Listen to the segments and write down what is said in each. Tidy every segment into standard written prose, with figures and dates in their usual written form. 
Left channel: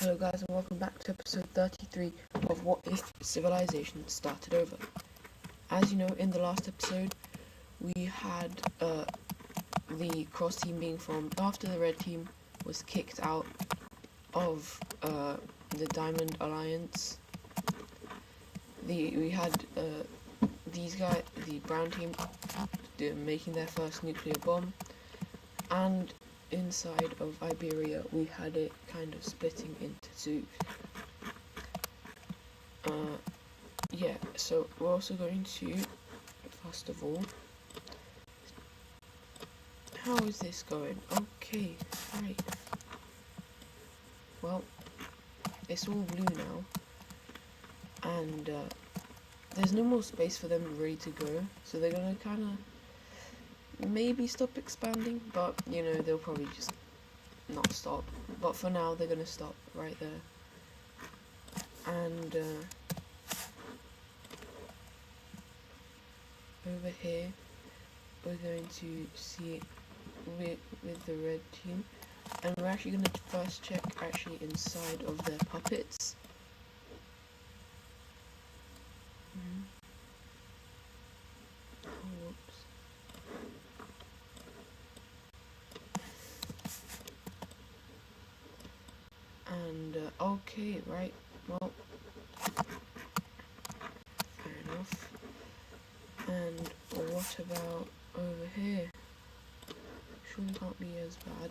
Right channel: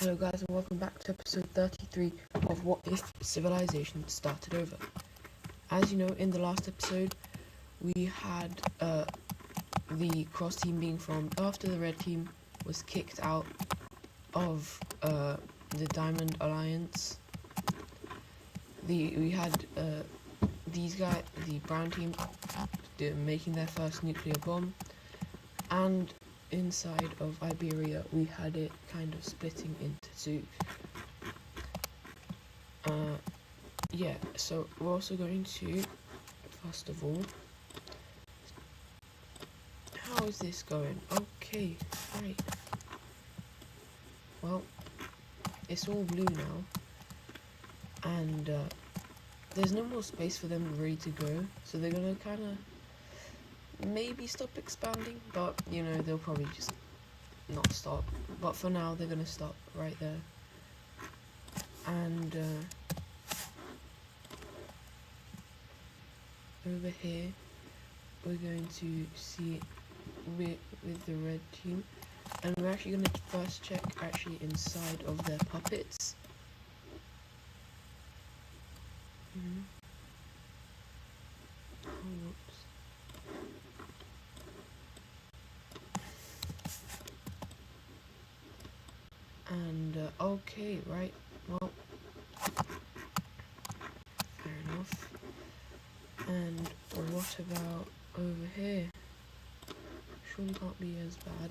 Hello guys and welcome back to episode 33 of What If Civilization Started Over. As you know, in the last episode we had the cross team being formed after the red team was kicked out of the Diamond Alliance. We had these guys, the brown team, making their first nuclear bomb, and inside of Iberia we had it kind of splitting into two. Yeah, so we're also going to, first of all, how is this going? Okay, right. Well, it's all blue now, and there's no more space for them ready to go, so they're gonna kind of maybe stop expanding, but you know, they'll probably just not stop. But for now they're gonna stop right there. And over here we're going to see it with the red team, and we're actually going to first check actually inside of their puppets. And okay, right, well, fair enough. And what about over here? Surely can't be as bad.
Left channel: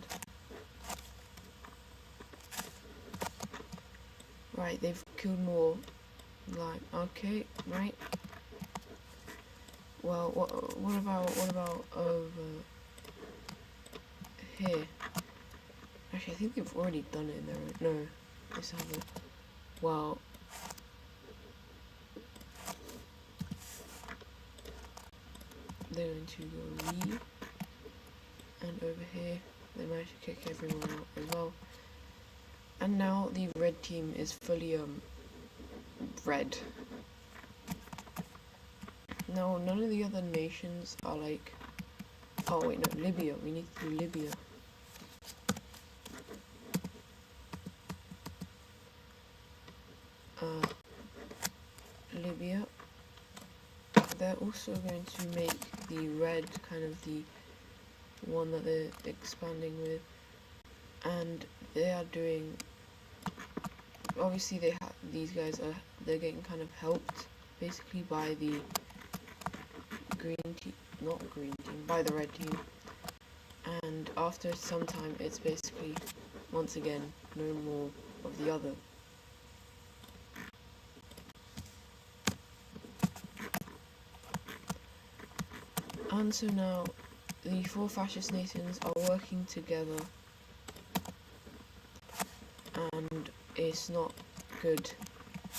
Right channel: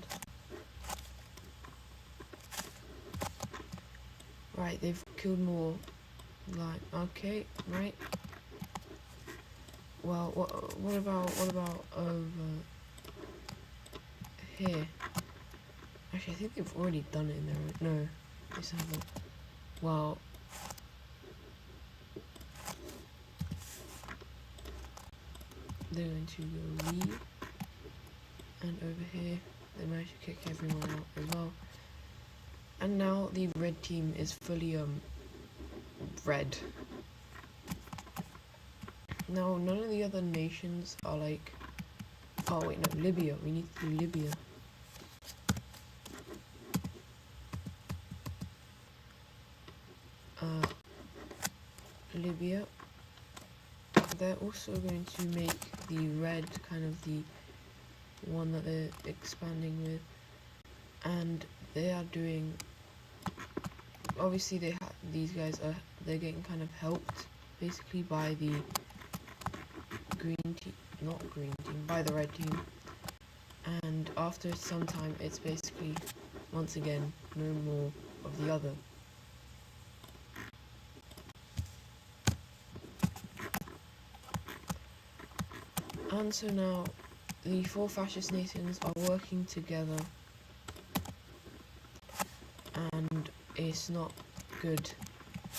Right, they've killed more. Like, okay, right. Well, what about over here? Actually, I think they've already done it in there. No, this hasn't. Well, they're going to go leave, and over here they managed to kick everyone out as well. And now the red team is fully red. Now none of the other nations are like, oh wait, no, Libya. We need to do Libya. Libya, they're also going to make the red kind of the one that they're expanding with, and they are doing, obviously these guys they're getting kind of helped basically by the by the red team, and after some time it's basically once again no more of the other. And so now the four fascist nations are working together, and it's not good,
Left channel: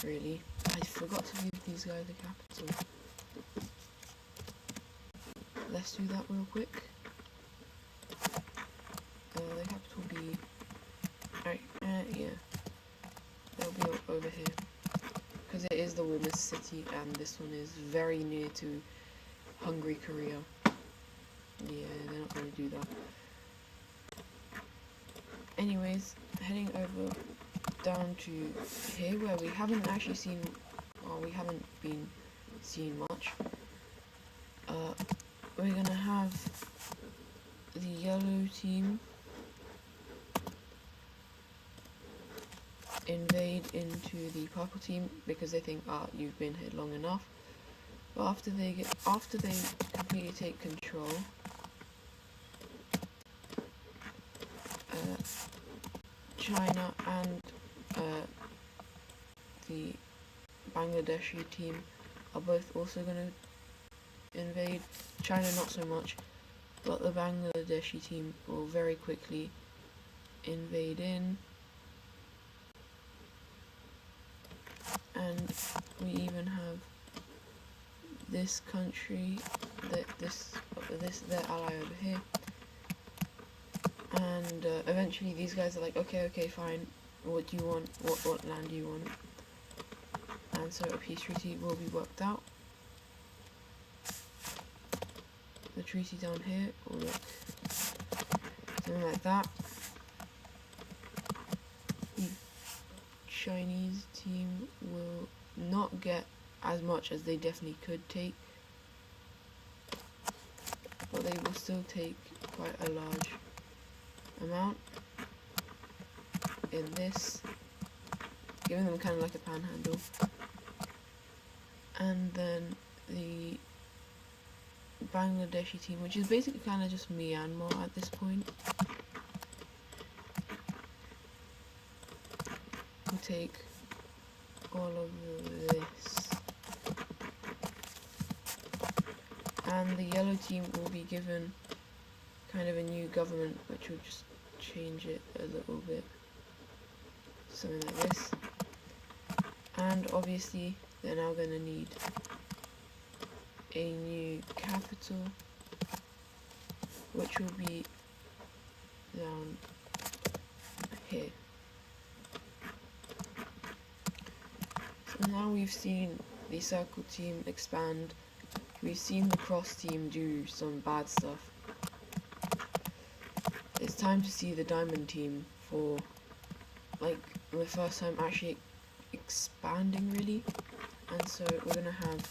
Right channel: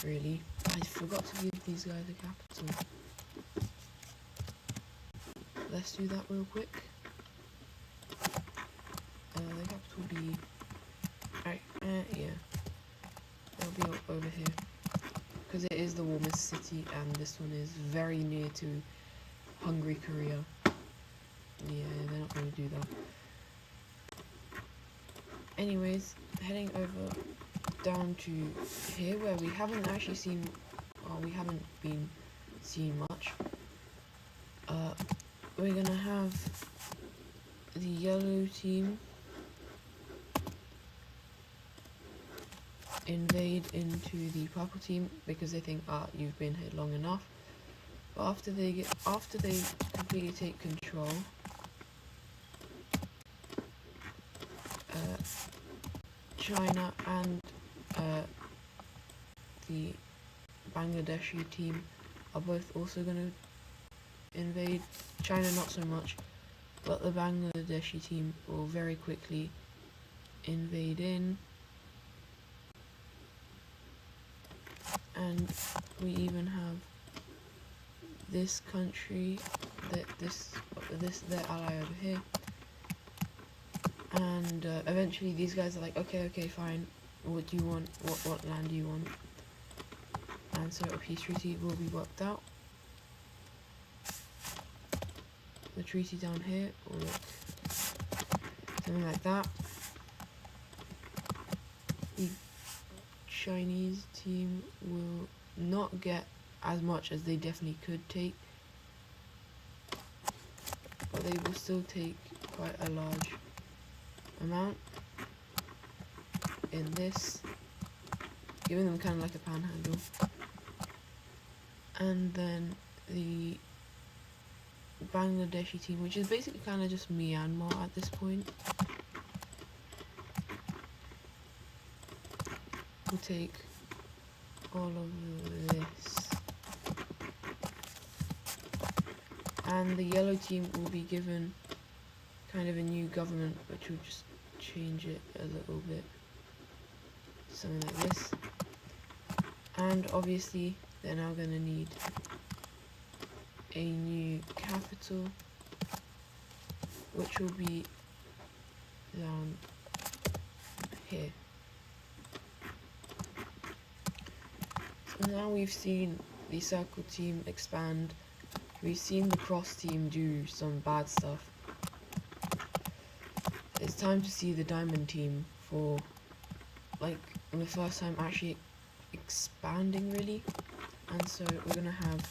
really. I forgot to give these guys a capital. Let's do that real quick. The capital be... yeah. It'll be over here. Because it is the warmest city, and this one is very near to Hungary, Korea. Yeah, they're not going to do that. Anyways, heading over down to here where we haven't actually seen, we haven't been seeing much. We're going to have the yellow team invade into the purple team because they think, you've been here long enough. But after they completely take control, China and the Bangladeshi team are both also going to invade. China not so much, but the Bangladeshi team will very quickly invade in. And we even have this country, their ally over here, and eventually these guys are like, okay, fine. What do you want? What land do you want? And so a peace treaty will be worked out. The treaty down here will look something like that. Chinese team will not get as much as they definitely could take, but they will still take quite a large amount in this, giving them kind of like a panhandle. And then the Bangladeshi team, which is basically kind of just Myanmar at this point, will take all of this. And the yellow team will be given kind of a new government, which will just change it a little bit, something like this. And obviously they're now going to need a new capital, which will be down here. So now we've seen the circle team expand, we've seen the cross team do some bad stuff. It's time to see the diamond team for, like, the first time actually expanding really. And so we're gonna have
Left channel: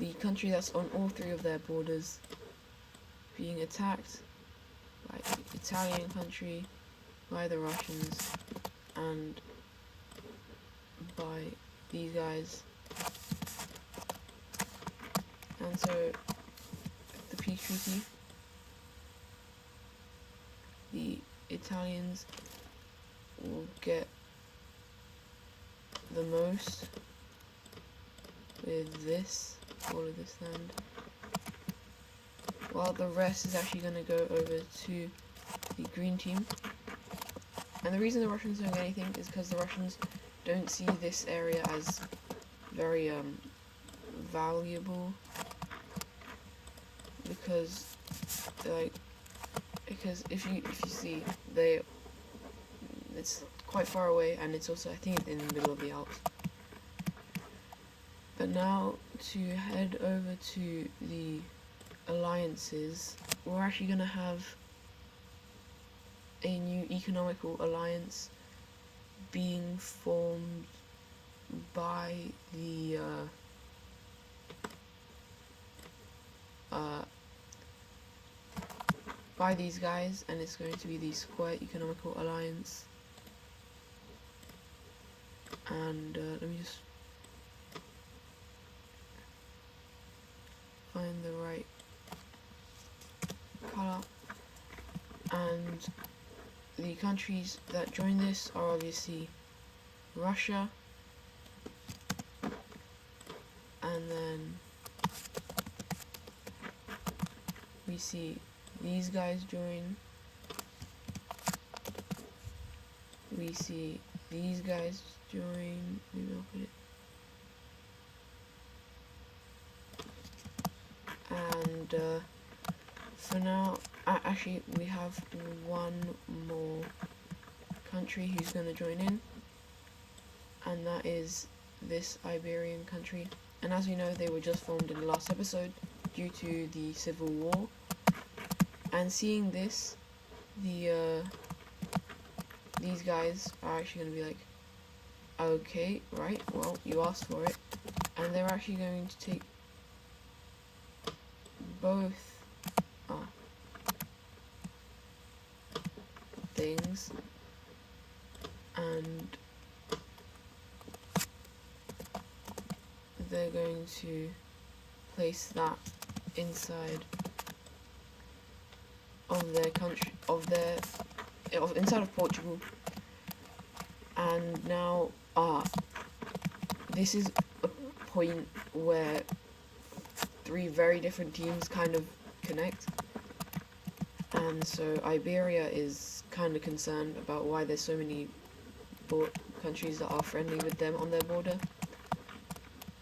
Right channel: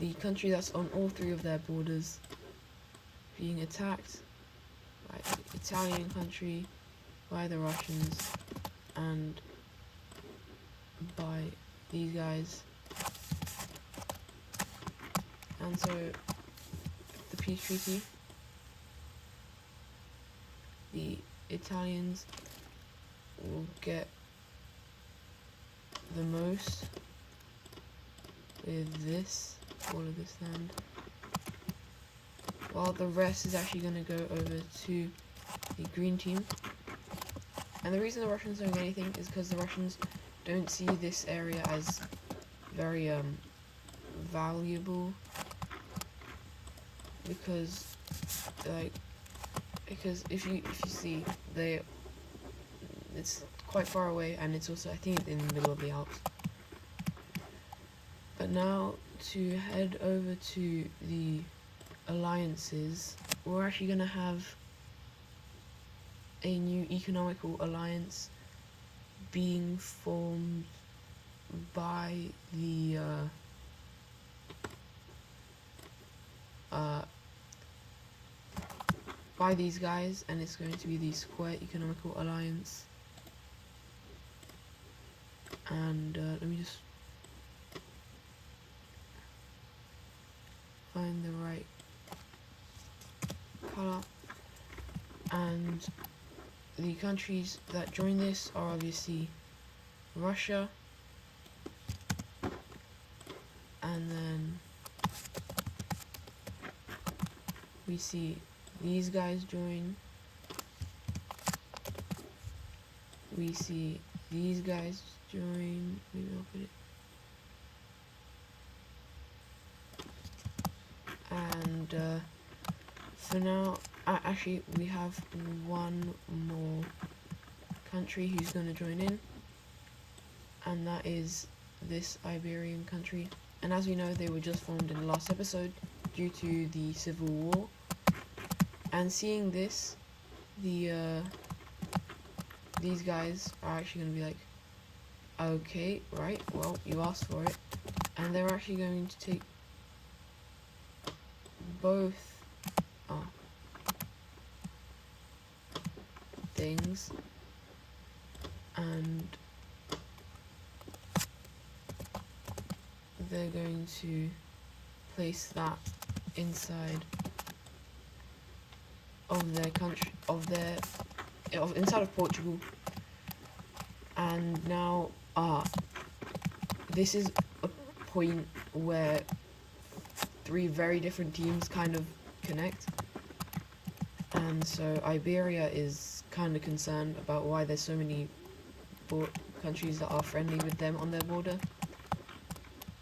the country that's on all three of their borders being attacked, like the Italian country, by the Russians, and by these guys. And so the peace treaty, the Italians will get the most with this, all of this land, while the rest is actually going to go over to the green team. And the reason the Russians don't get anything is because the Russians don't see this area as very valuable, because if you see, it's quite far away, and it's also, I think it's in the middle of the Alps. But now to head over to the alliances, we're actually going to have a new economical alliance being formed by the by these guys, and it's going to be the Square Economical Alliance. And let me just find the right color. And the countries that join this are obviously Russia, and then we see these guys join, we see these guys join, maybe I'll put it, and for now, actually we have one more country who's going to join in, and that is this Iberian country. And as we know, they were just formed in the last episode due to the civil war. And seeing this, these guys are actually going to be like, okay, right, well, you asked for it. And they're actually going to take both things, and they're going to place that inside of their country, inside of Portugal. And now this is a point where three very different teams kind of connect, and so Iberia is kind of concerned about why there's so many countries that are friendly with them on their border.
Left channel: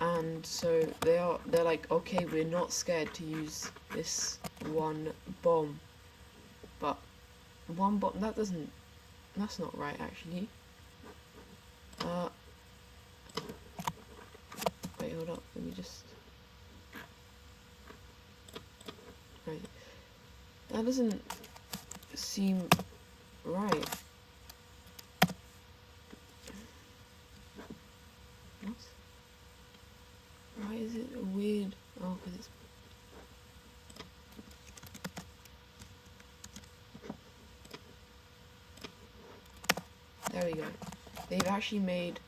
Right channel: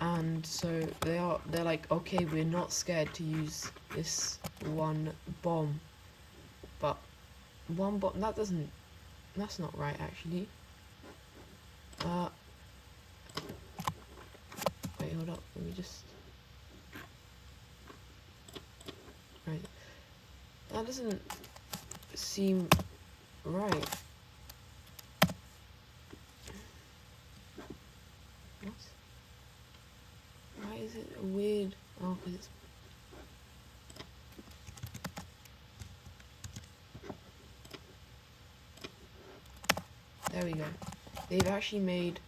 And so they're like, okay, we're not scared to use this one bomb. But one bomb, that's not right, actually. Wait, hold up, let me just, right. That doesn't seem right. There we go. They've actually made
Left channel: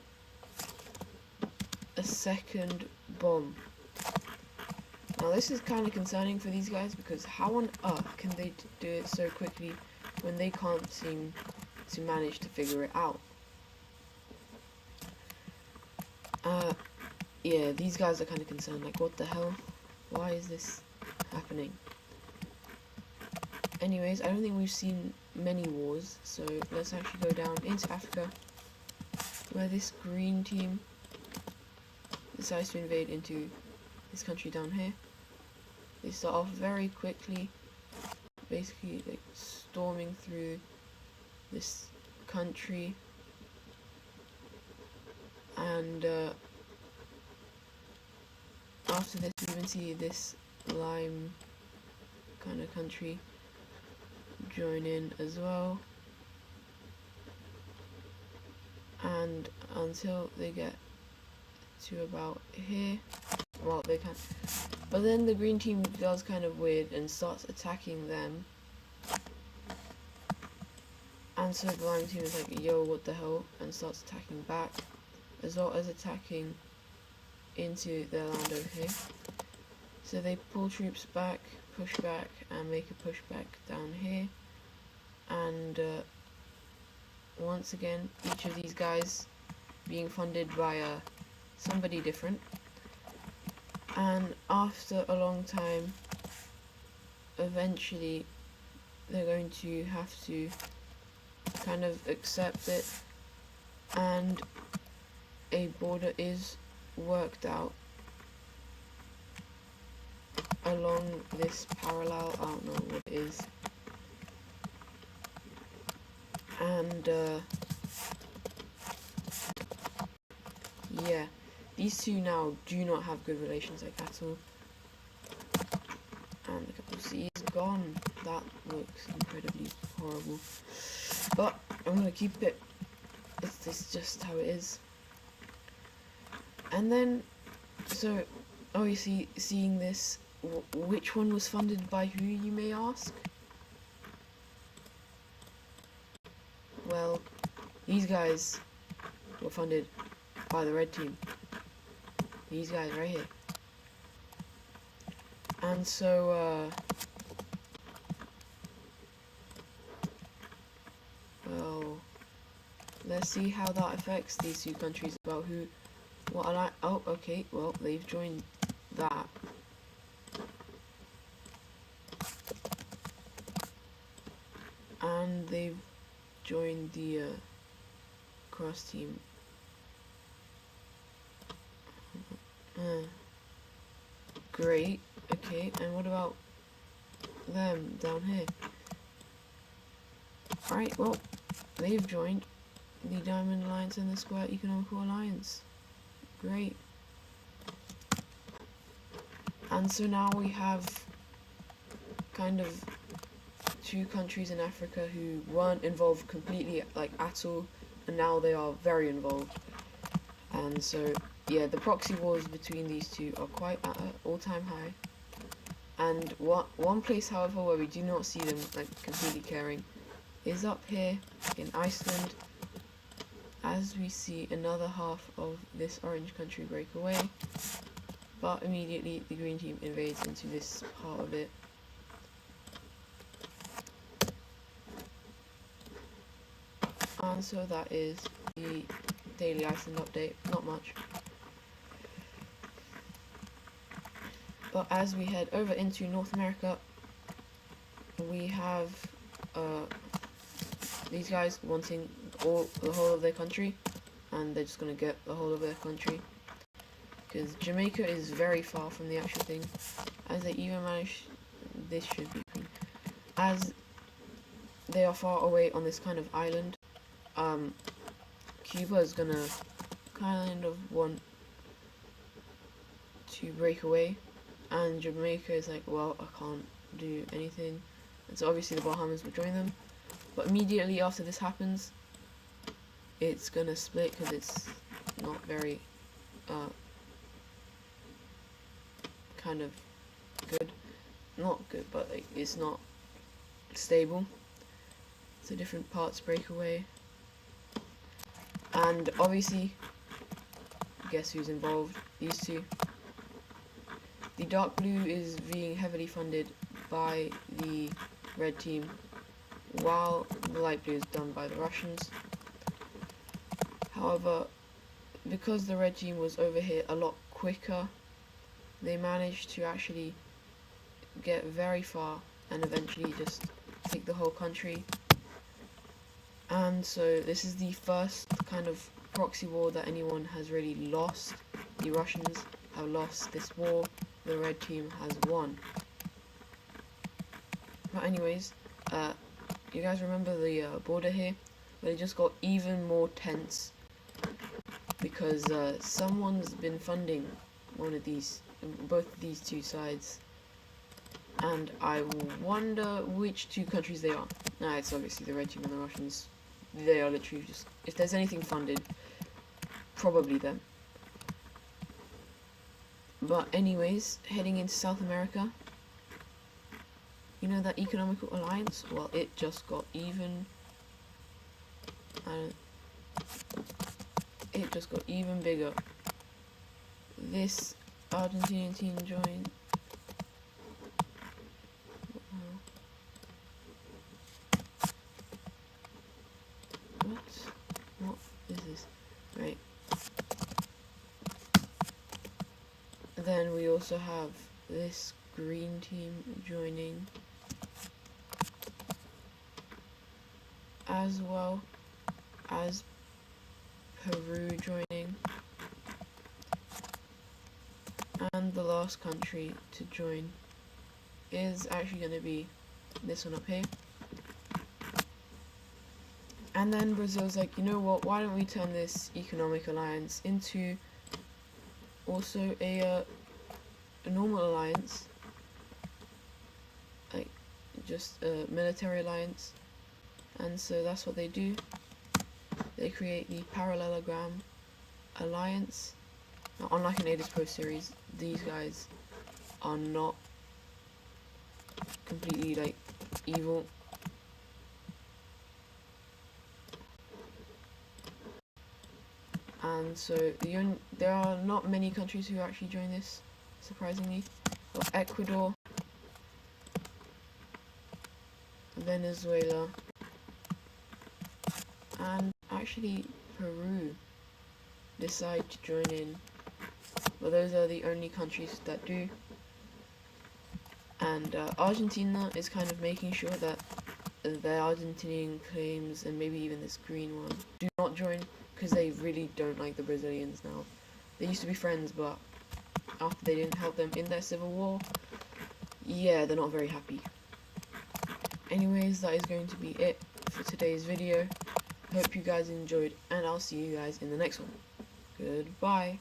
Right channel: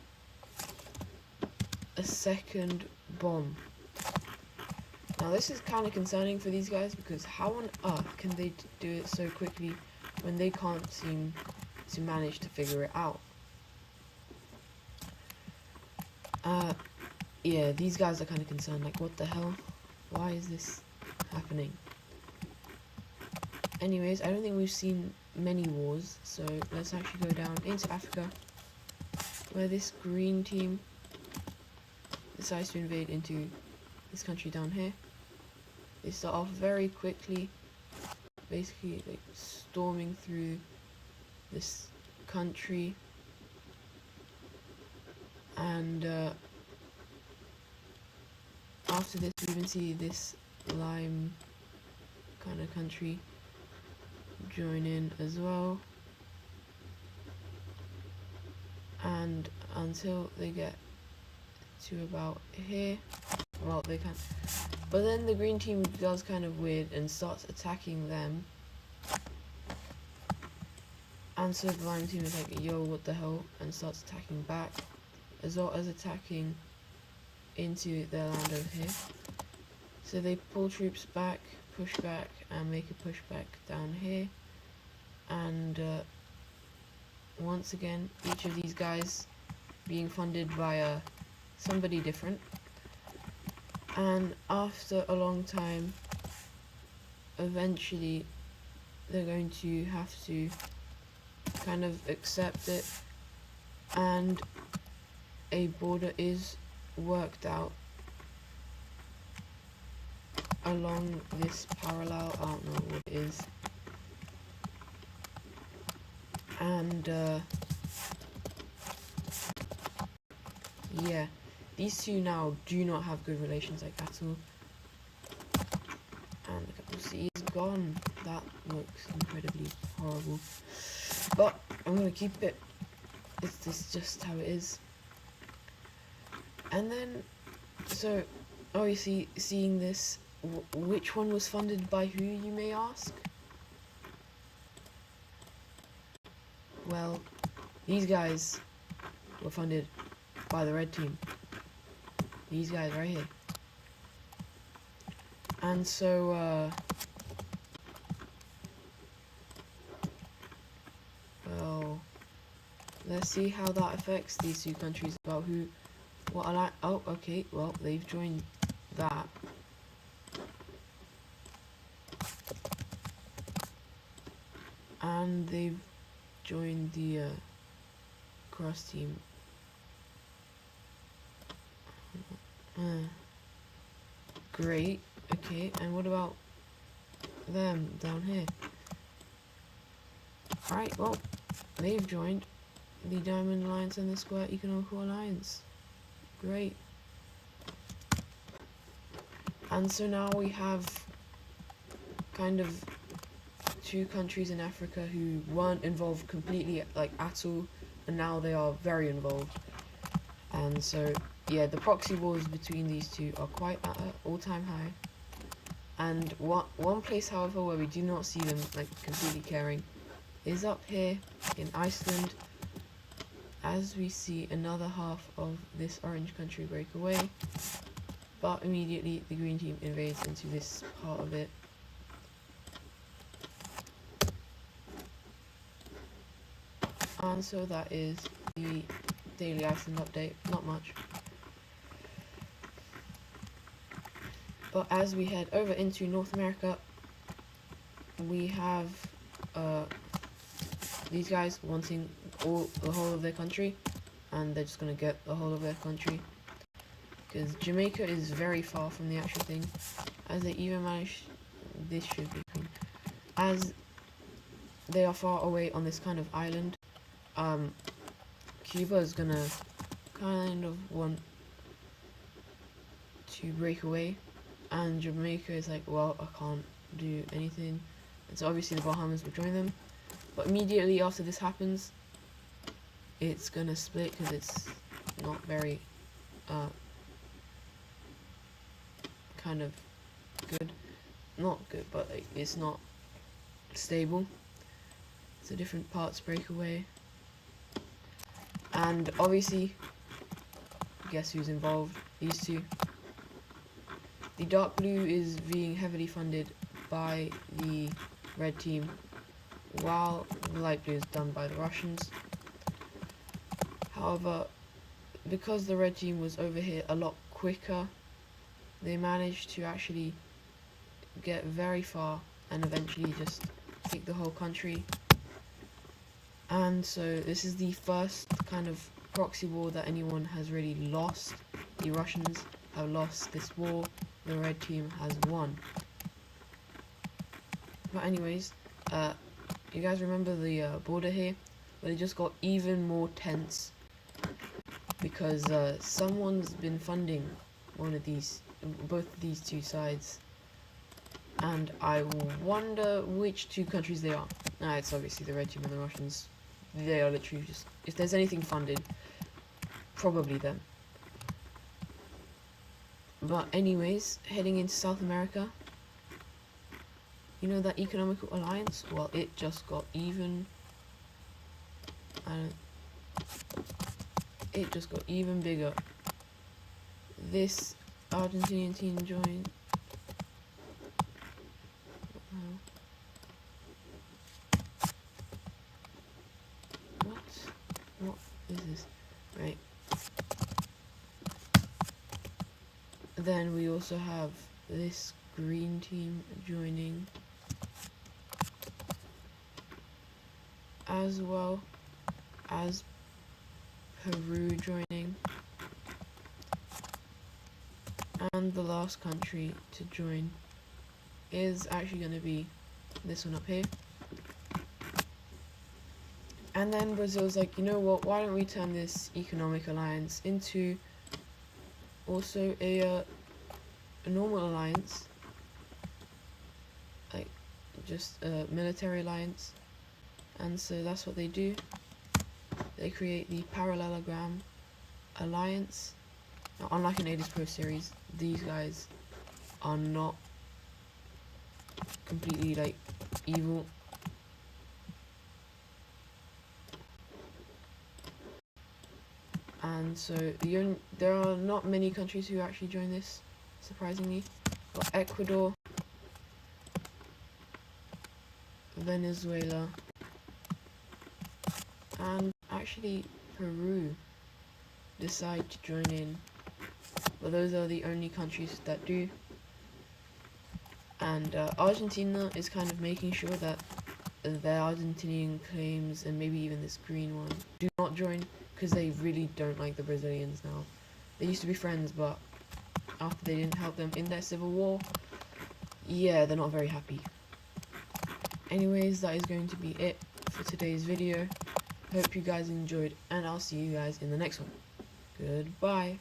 a second bomb. Now this is kind of concerning for these guys, because how on earth can they do it so quickly when they can't seem to manage to figure it out? Yeah, these guys are kind of concerned, like, what the hell? Why is this happening? Anyways, I don't think we've seen many wars, so let's actually go down into Africa, where this green team decides to invade into this country down here. They start off very quickly, basically like storming through this country, and after this we even see this lime kind of country join in as well, and until they get to about here, well, they can, but then the green team does kind of weird and starts attacking them, and so the lime team is like, yo, what the hell, and starts attacking back, as well as attacking into their land over here. So they pull troops back, push back, and make a pushback down here, and once again each of these guys being funded by somebody different, and after a long time eventually they're going to have to kind of accept it, and a border is worked out along this parallel, I don't know what it is, and yeah, these two now do not have good relations, like, at all, and the capital city is gone. That looks incredibly horrible, but I'm gonna keep it. It's just how it is. And then, so obviously seeing this, which one was funded by who, you may ask? Well, these guys were funded by the red team. These guys right here. And so, well, let's see how that affects these two countries about who, what I like. Oh, okay, well, they've joined that. And they've joined the cross team. Great. Okay, and what about them down here? Alright, well, they've joined the Diamond Alliance and the Square Economical Alliance. Great. And so now we have kind of two countries in Africa who weren't involved completely, like, at all, and now they are very involved. And so, yeah, the proxy wars between these two are quite at an all-time high. And one place, however, where we do not see them, like, completely caring is up here in Iceland, as we see another half of this orange country break away, but immediately the green team invades into this part of it. And so that is the daily Iceland update. Not much. But as we head over into North America, we have these guys wanting the whole of their country, and they're just gonna get the whole of their country, because Jamaica is very far from the actual thing, as they even manage, this should be, as they are far away on this kind of island. Cuba is gonna kind of want to break away, and Jamaica is like, well, I can't do anything, and so obviously the Bahamas will join them, but immediately after this happens, it's gonna split, because it's not very kind of good, not good, but like, it's not stable, so different parts break away, And obviously, guess who's involved? These two. The dark blue is being heavily funded by the red team, while the light blue is done by the Russians. However, because the red team was over here a lot quicker, they managed to actually get very far and eventually just take the whole country. And so this is the first kind of proxy war that anyone has really lost. The Russians have lost this war, the red team has won. But anyways, you guys remember the border here? But it just got even more tense because someone's been funding both of these two sides, and I wonder which two countries they are. Nah, it's obviously the red team and the Russians. They are literally just, if there's anything funded, probably them. But anyways, heading into South America, you know that economical alliance? Well, it just got even, and it just got even bigger. This Argentinian team joined. What is this? Right. Then we also have this green team joining, as well as Peru joining, and the last country to join is actually going to be this one up here. And then Brazil's like, you know what, why don't we turn this economic alliance into also a normal alliance, like just a military alliance. And so that's what they do. They create the Parallelogram Alliance. Now, unlike in Aedes Pro series, these guys are not completely like evil. And so there are not many countries who actually join this, surprisingly. Got Ecuador, Venezuela, and actually Peru decide to join in. But those are the only countries that do. And Argentina is kind of making sure that the Argentinian claims, and maybe even this green one, do not join, because they really don't like the Brazilians now. They used to be friends, but after they didn't help them in their civil war, yeah, they're not very happy. Anyways, that is going to be it for today's video. Hope you guys enjoyed, and I'll see you guys in the next one. Goodbye.